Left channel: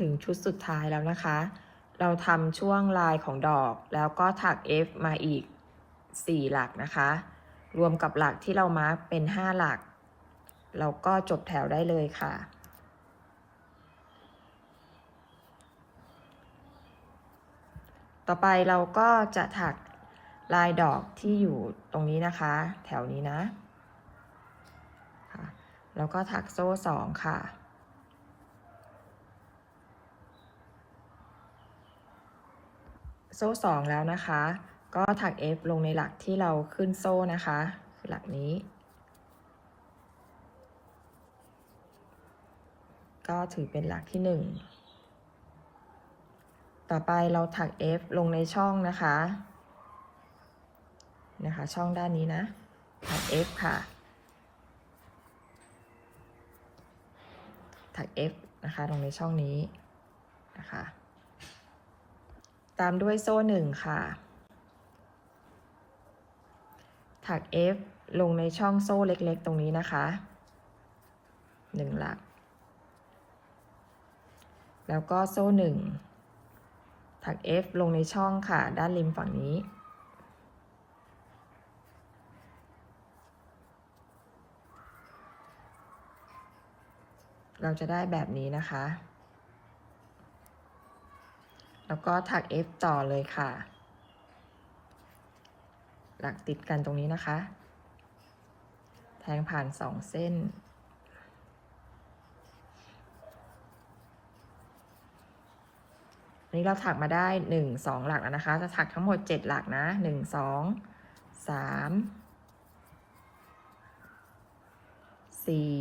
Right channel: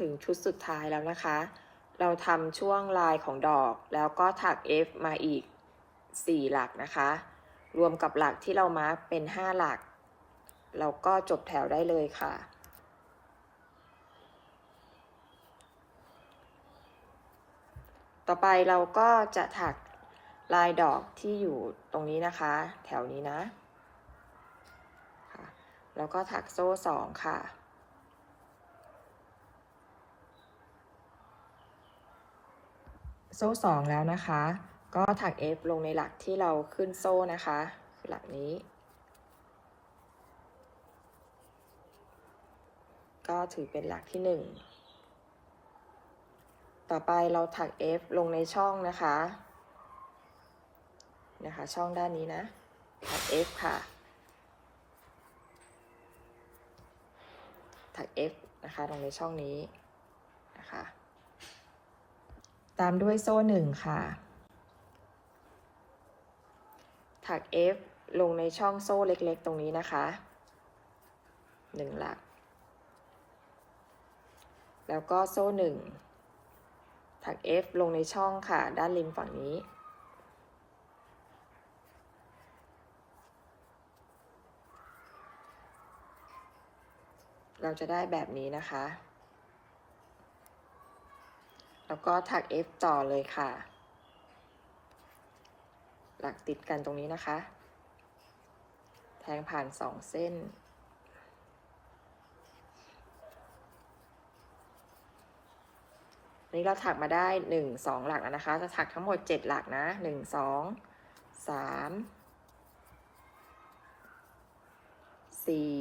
ถึงชุดสุดท้ายแล้วนะคะ เราทำช่วงลายของดอกแล้วก็ถัก F มาอีก 4 หลักนะคะ รวมกับหลักที่เรามาร์กเป็น 5 หลักเราก็จบแถวได้เลยค่ะต่อไปเราก็จะถักลายดอกที่อยู่ตรงนี้นะคะ แถวนี้นะค่ะแล้วก็ถักโซ่สองค่ะ โซ่สองแล้วนะคะ ก็ถัก F ลงในหลักที่เราขึ้นโซ่นะคะคือหลักนี้ ก็ถือเป็นหลักที่หนึ่งต่อไปเราถัก F ลงในช่องนะคะ นะคะ ช่องด้านนี้นะถัก F ค่ะ ถัก F นะคะ ในช่องนี้นะคะ ตามด้วยโซ่หนึ่งค่ะ ถัก F ลงในช่องโซ่เล็กๆ ตรงนี้นะคะหนึ่งหลัก แล้วก็โซ่หนึ่งถัก F ลงในช่องค่ะ ด้านริมฝั่งนี้ เราจะได้แบบนี้นะคะ ก็ถัก F ต่อเลยค่ะ หลักติดกันตรงนี้นะคะ แทงผ่านสองเส้น นี่เราถักมาได้หนึ่งสองหลักแล้วนะคะ จะถักทั้งหมดเจ็ดหลักนะหนึ่งสองสามสี่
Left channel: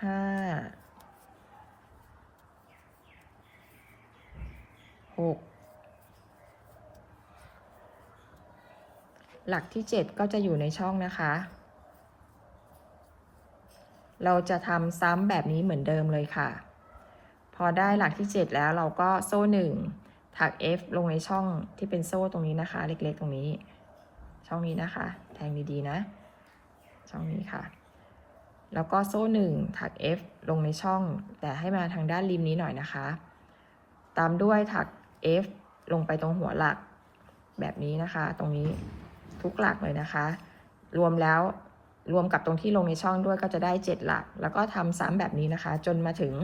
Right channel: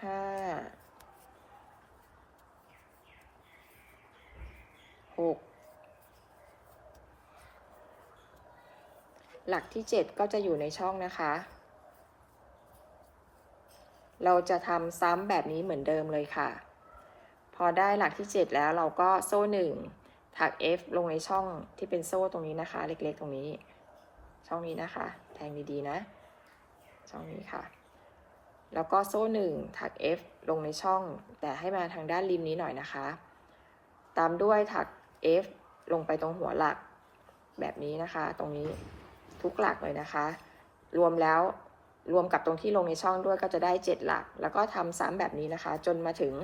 ห้า หลักที่เจ็ดก็จะอยู่ในช่องนะคะ เราจะทำซ้ำแบบนี้เหมือนเดิมเลยค่ะ พอได้หลักที่ 7 แล้วเราก็โซ่หนึ่งถัก F ลงในช่องที่เป็นโซ่ตรงนี้นะคะ เล็กๆตรงนี้ ช่องนี้นะคะแทงดีๆนะ ช่องนี้ค่ะแล้วก็โซ่หนึ่งถัก F ลงในช่อง แต่ให้มาทางด้านริมนี้หน่อยนะคะ ตามด้วยถัก F ลงไปตรงหัวหลัก แบบนี้นะคะ ตรงนี้ทุกหลักเลยนะคะ รวมแล้วรวมกับตรงที่ลงในช่องด้วยก็จะได้ 7 หลัก แล้วก็ทำซ้ำแบบนี้นะคะ จนมาถึง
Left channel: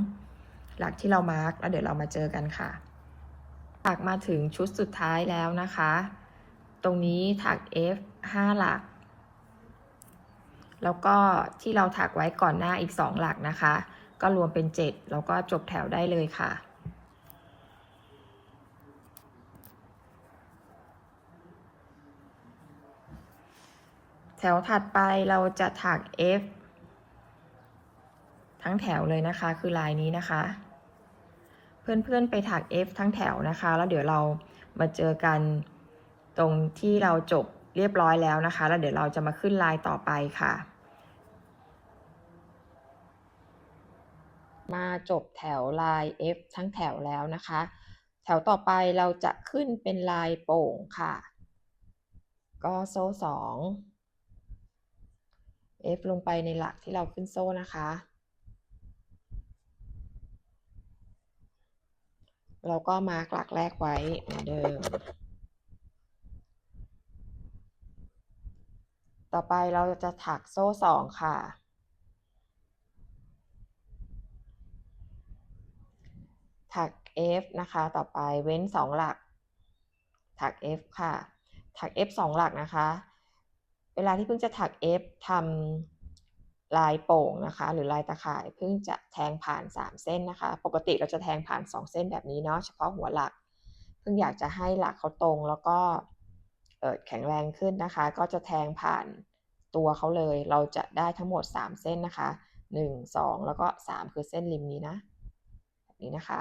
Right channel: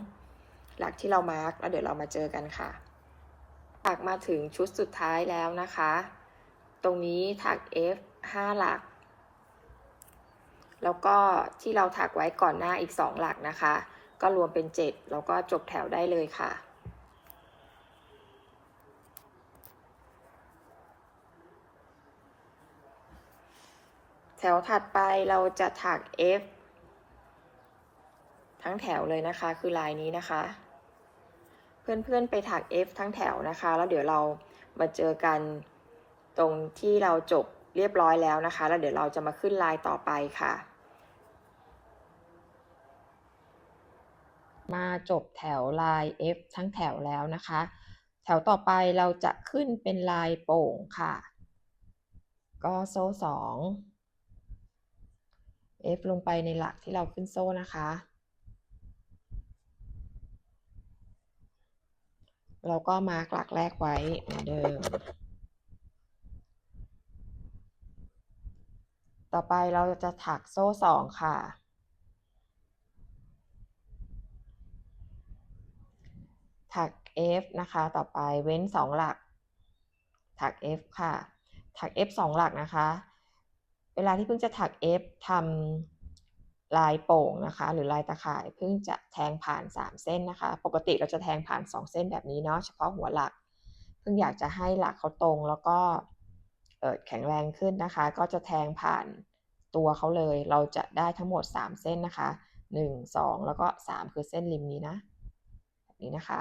หลักที่เรามาร์กแล้วเดี๋ยวเรามาเจอกันค่ะถักมาถึงชุดสุดท้ายแล้วนะคะ ตรงนี้ถัก F 5 หลัก แล้วก็ที่เราถักไว้ก่อนหน้าอีก 2 หลักนะคะ ก็รวมเป็น 7 แล้วก็จบแถวได้เลยค่ะ แถ วถัดไปเราจะถัก F ทั้งแถวเลยนะคะ คือลายนี้นะคะ เพื่อนๆไปถัก F ทั้งแถวนะคะ แล้วเดี๋ยวเรามาเจอกันตรงที่เราจบเรียบร้อยแล้วนะคะ แล้วเดี๋ยวเราจะมาขึ้นลายต่อไปค่ะ มาจบแถวลาย F ทั้งแถวแล้วนะคะ แถวต่อไปเราจะขึ้นเป็นลายโป่งค่ะ ก็โซ่สอง F ลงไปในหลักที่เราขึ้นโซ่นะคะ เราก็มาร์กหลักแรกไว้เหมือนเดิม ต่อไปเราจะถักโซ่สองค่ะ ถัก F นะคะ ต่อไปเว้น2หลัก ถัก F ค่ะ ถัก F 2หลักนะคะ เวลาที่เพิ่งจะถัก F ทำลายโป่งนะคะ หรือลายตะข่ายเพิ่งจะแทงผ่าน 3 เส้นนะคะ ปกติเราจะแทงผ่าน 2 เส้นแบบนี้เนาะเฉพาะหัวหลัก เพิ่งอยากจะให้หลักเขาตรงแล้วก็เออแข็งแรงขึ้นนะคะ ก็จะแทงผ่านตัวเขาเลย เราจะได้ทั้งหมด 3 เส้นนะคะ 1 2 แล้วก็ 3 คือเส้นริมนี้นะแบบนี้นะคะ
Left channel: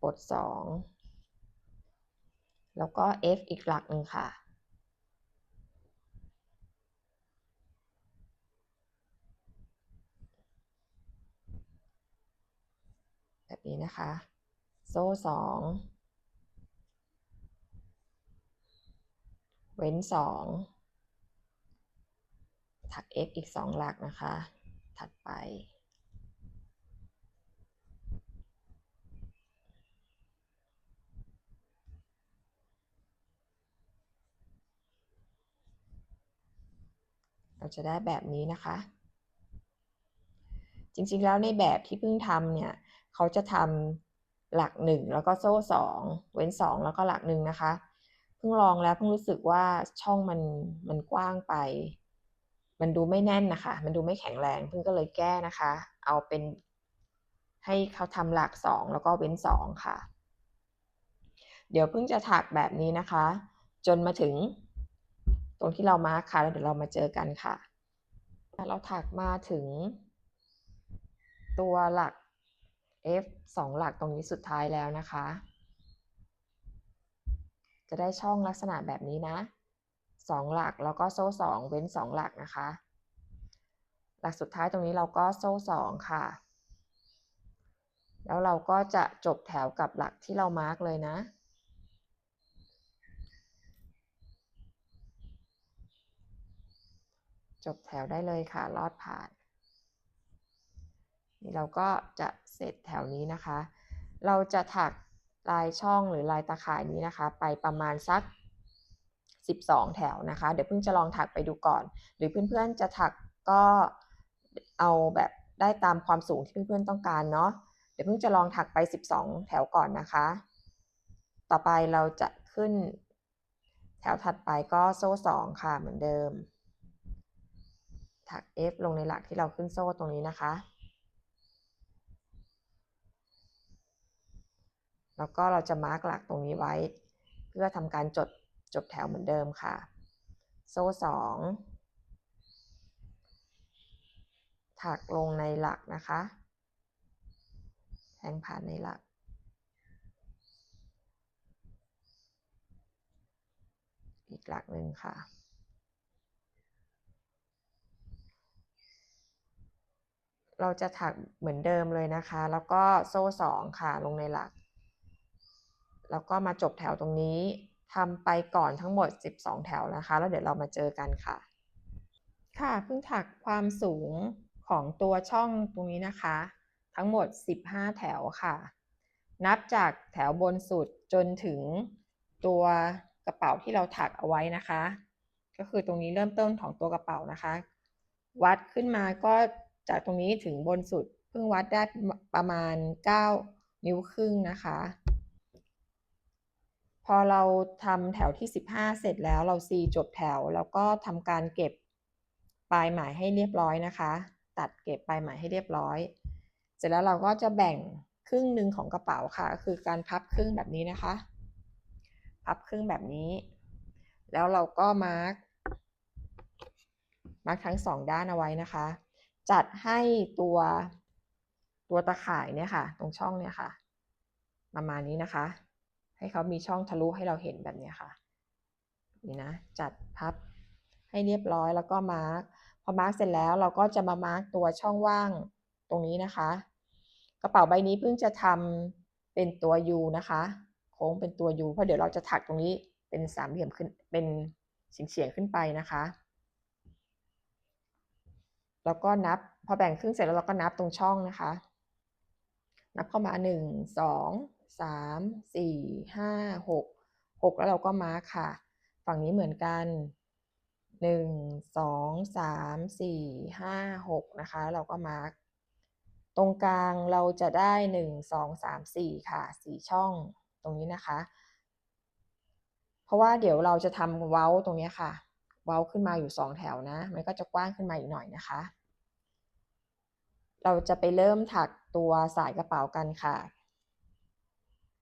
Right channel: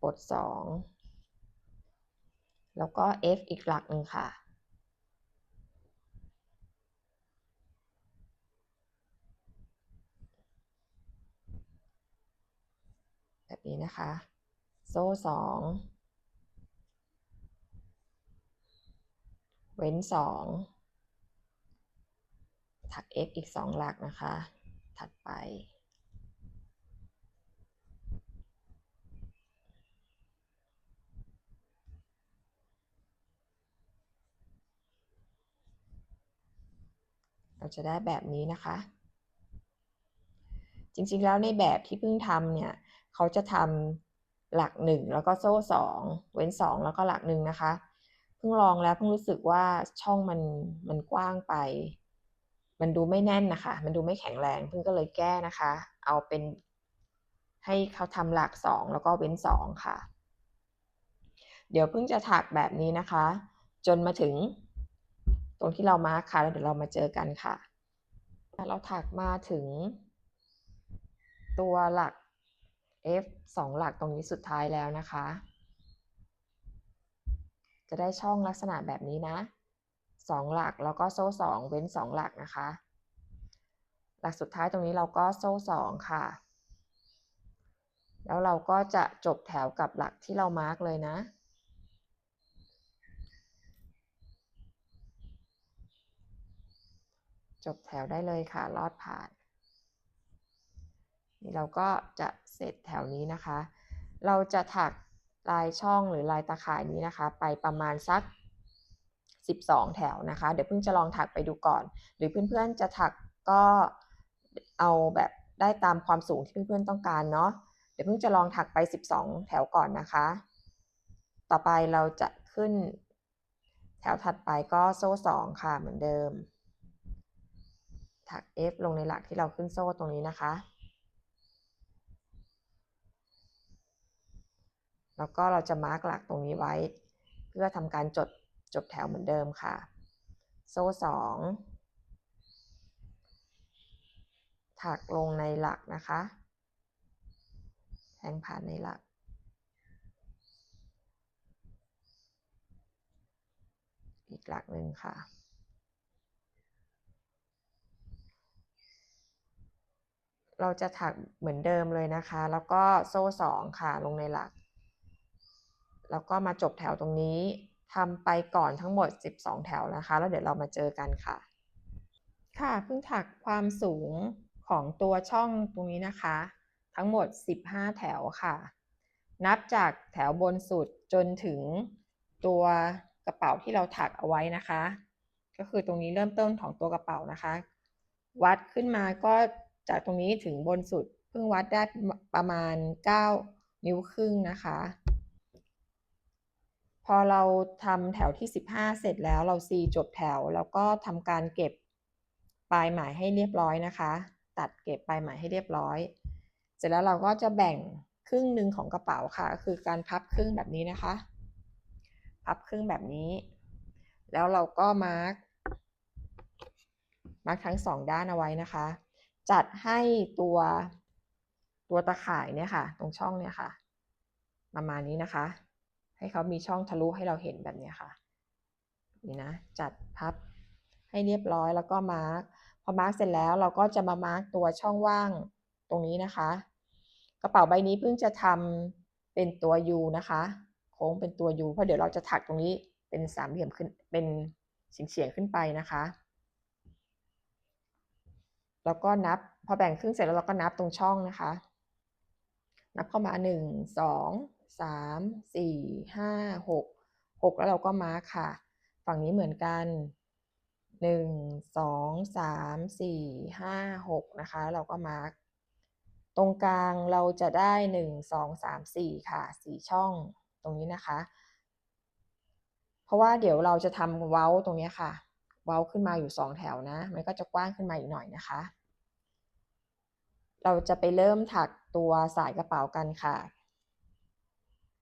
ปลดสอง แล้วก็ F อีกหลักหนึ่งค่ะ แบบนี้นะคะ โซ่สองเว้นสองถัก F อีกสองหลักนะคะ ถัดไป เราจะได้แบบนี้นะคะ จริงๆแล้วในแบบที่เพิ่งทำเนี่ย เขาจะทำหลักหนึ่งแล้วก็โซ่สองเว้นสองแล้วก็หลักหนึ่งนะคะ เพิ่งลองแล้วเพิ่งรู้สึกว่าช่องมันมันกว้างไป มันดูไม่แน่นนะคะ มันดูไม่แข็งแรงเพิ่งก็เลยแก้นะคะ เอาเป็นให้เขาทำหลักสองแล้วก็เว้นสองค่ะ เดี๋ยวเพิ่งจะถักแบบนี้นะคะ จนมาถึง ตรงที่เรามาร์คค่ะแล้วเดี๋ยวเรามาเจอกันค่ะ เราถักมาถึง ตัวหลัก F สองหลักตรงนี้สุดท้ายแล้วนะคะ จะได้ช่องลักษณะแบบนี้นะสองหลักแล้วก็โซ่สองเว้นสองหลักนะคะ หลักสุดท้ายตรงนี้เราก็โซ่สองค่ะ แล้วเราก็จะจบแถวกับหลักที่เรามาร์กเลยนะ จบแถวได้เลยค่ะ ลอดผ่าน นี่เราก็จะเสร็จแถวนี้นะคะ เราจะถักลายช่องหรือลายตาข่ายนี้นะคะ ไปประมาณสัก 12 แถวนะคะ เดี๋ยวเพิ่งจะลองถักไปดูก่อน หรือเพื่อนๆจะถักก็เอาแบบได้ตามความสูงที่เพื่อนๆต้องการเนาะ เดี๋ยวเพิ่งจะลองถักไป 12 แถวก่อนนะคะ ต่อไปเราจะขึ้นแถวถัดไปก็โซ่2ค่ะเหมือนเดิม ถัก F ลงในหลักที่เราขึ้นโซ่ตรงนี้นะคะ แล้วก็เราจะมาร์กหลักตรงนี้ไว้ เพื่อทำการจดจบแถวเหมือนเดิมค่ะ โซ่สองถักลงในหลักนะคะ แทงผ่านในหลัก อีกหลักหนึ่งค่ะ เราจะถักเหมือนเดิมเลยนะคะ แล้วก็โซ่สองค่ะลงในหลัก แล้วก็มาจบแถวตรงนี้ทำไปก่อนทั้งหมด 12 แถวนะคะ แล้วเดี๋ยวเรามาเจอกันค่ะ ค่ะเพิ่งถักความสูงของตัวช่องตรงนี้นะคะ ทั้งหมด 15 แถวค่ะ นับจากแถวบนสุดจนถึงตัวกระเป๋าที่เราถักเอาไว้นะคะ ก็คือตรงนี้เริ่มต้นของตัวกระเป๋านะคะ วัดขึ้นมาก็ จากตรงนี้ถึงบนสุดเพิ่งวัดได้ประมาณ 9 นิ้วครึ่งนะคะ พอเราทำแถวที่ 15 เสร็จแล้วเราซีจบแถว แล้วก็ทำการเก็บปลายไหมให้เรียบร้อยนะคะ ตัดเก็บปลายไหมให้เรียบร้อย เสร็จแล้วเราก็จะแบ่งครึ่งหนึ่งของกระเป๋าค่ะก็คือการพับครึ่งแบบนี้นะคะ พับครึ่งแบบนี้ แล้วเราก็มาร์กมาร์กทั้งสองด้านเอาไว้นะคะ จัดให้ตัวตัวตะข่ายเนี่ยค่ะ ตรงช่องเนี่ยค่ะ ประมาณนี้นะคะ ให้เขามีช่องทะลุให้เราเห็นแบบนี้ค่ะ นี่นะ จัดพับให้เรียบร้อยแล้วก็มาร์กพอมาร์กเสร็จแล้วเราก็จะมามาร์กตัวช่องว่างตรงนี้นะคะ กระเป๋าใบนี้เพิ่งจะทำเป็นตัว U นะคะ โค้งเป็นตัว U เพราะเดี๋ยวเราจะถักตรงนี้เป็นสามเหลี่ยมขึ้นเป็นเฉียงๆขึ้นไปนะคะ แล้วก็นับพอแบ่งครึ่งเสร็จแล้วเราก็นับตรงช่องนะคะ นับเข้ามาหนึ่งสองสามสี่ห้าหกหกแล้วเราก็มาร์คค่ะ ฝั่งนี้เหมือนกันหนึ่งสองสามสี่ห้าหกนะคะ เราก็มาร์คตรงกลางเราจะได้หนึ่งสองสามสี่ค่ะสี่ช่องตรงนี้นะคะ เพราะว่าเดี๋ยวเราจะทำเว้าตรงนี้ค่ะ เว้าขึ้นมาอยู่สองแถวนะ มันก็จะกว้างขึ้นมาอีกหน่อยนะคะ เราจะไปเริ่มถักตัวสายกระเป๋ากันค่ะ